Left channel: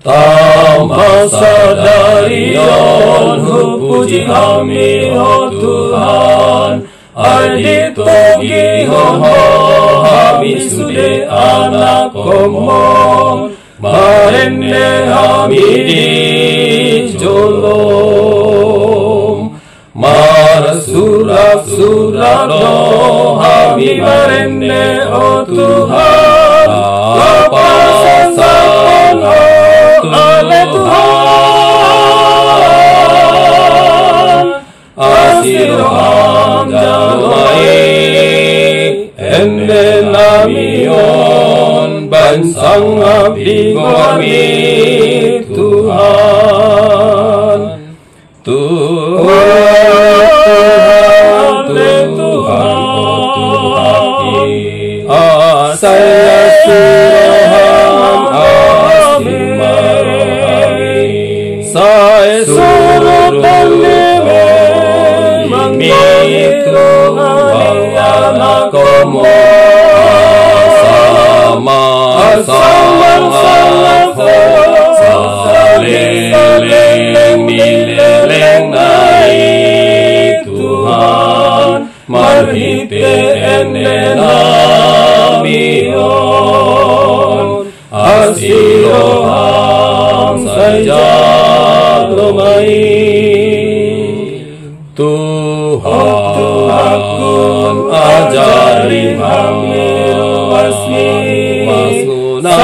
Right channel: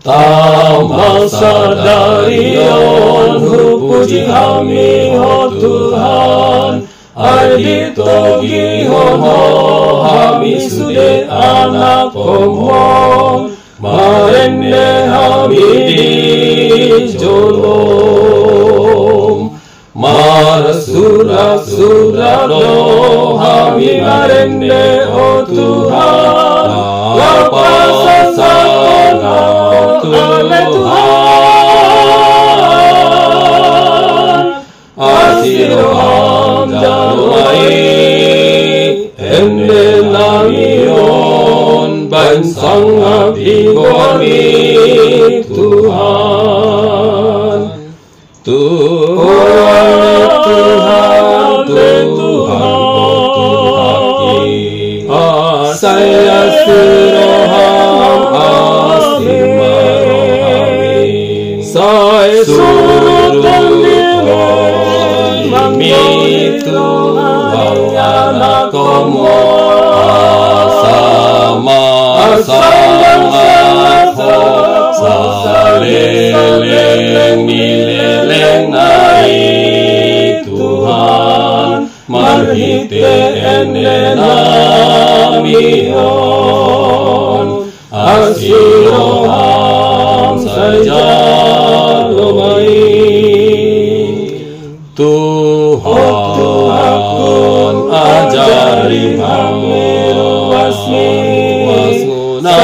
Tamasadarion puji kami Tuhan, Adito gihon kami sude anak komong, marenne kami di jolong, marasura-sura do kami marenne o Tuhan, lapasasan oleh Tuhan, asiroham jalwai ende namion bansang abdi kami Tuhan. Tuhan, saya suroham asimarohami, saya suroham Tuhan anak komo saleleng mileleng nai Tuhan marhite ene namion asiroham saja lumai Tuhan ajari kami wasmuna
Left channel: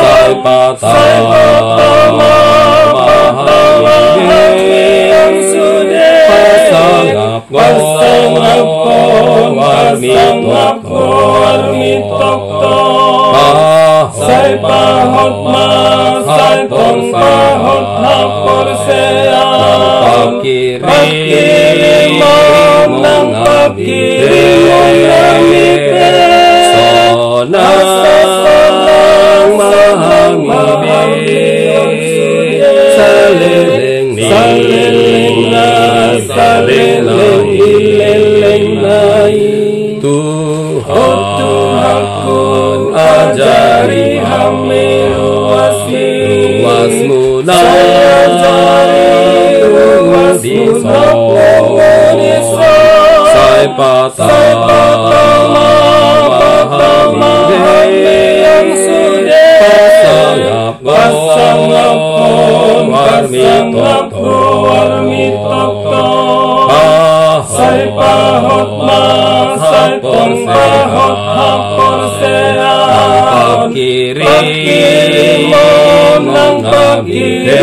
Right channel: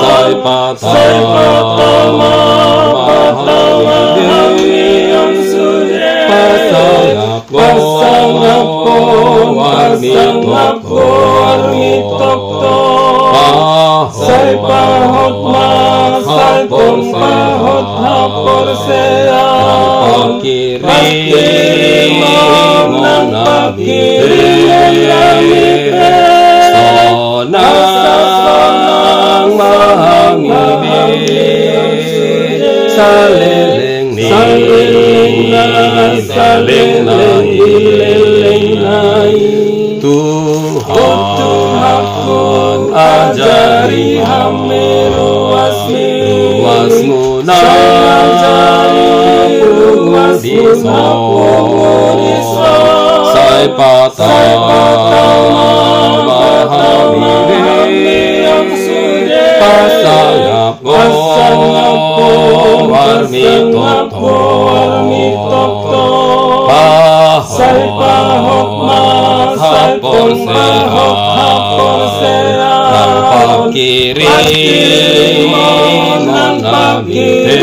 sai patama pasangako marmitokto sai pahotma sai pahot hapor sea pakiri monabite sonang mahamide saleleng Tuhan ajari kami wasmuna sai patama pasangako marmitokto sai pahotma hapor sea pakiri monang nabite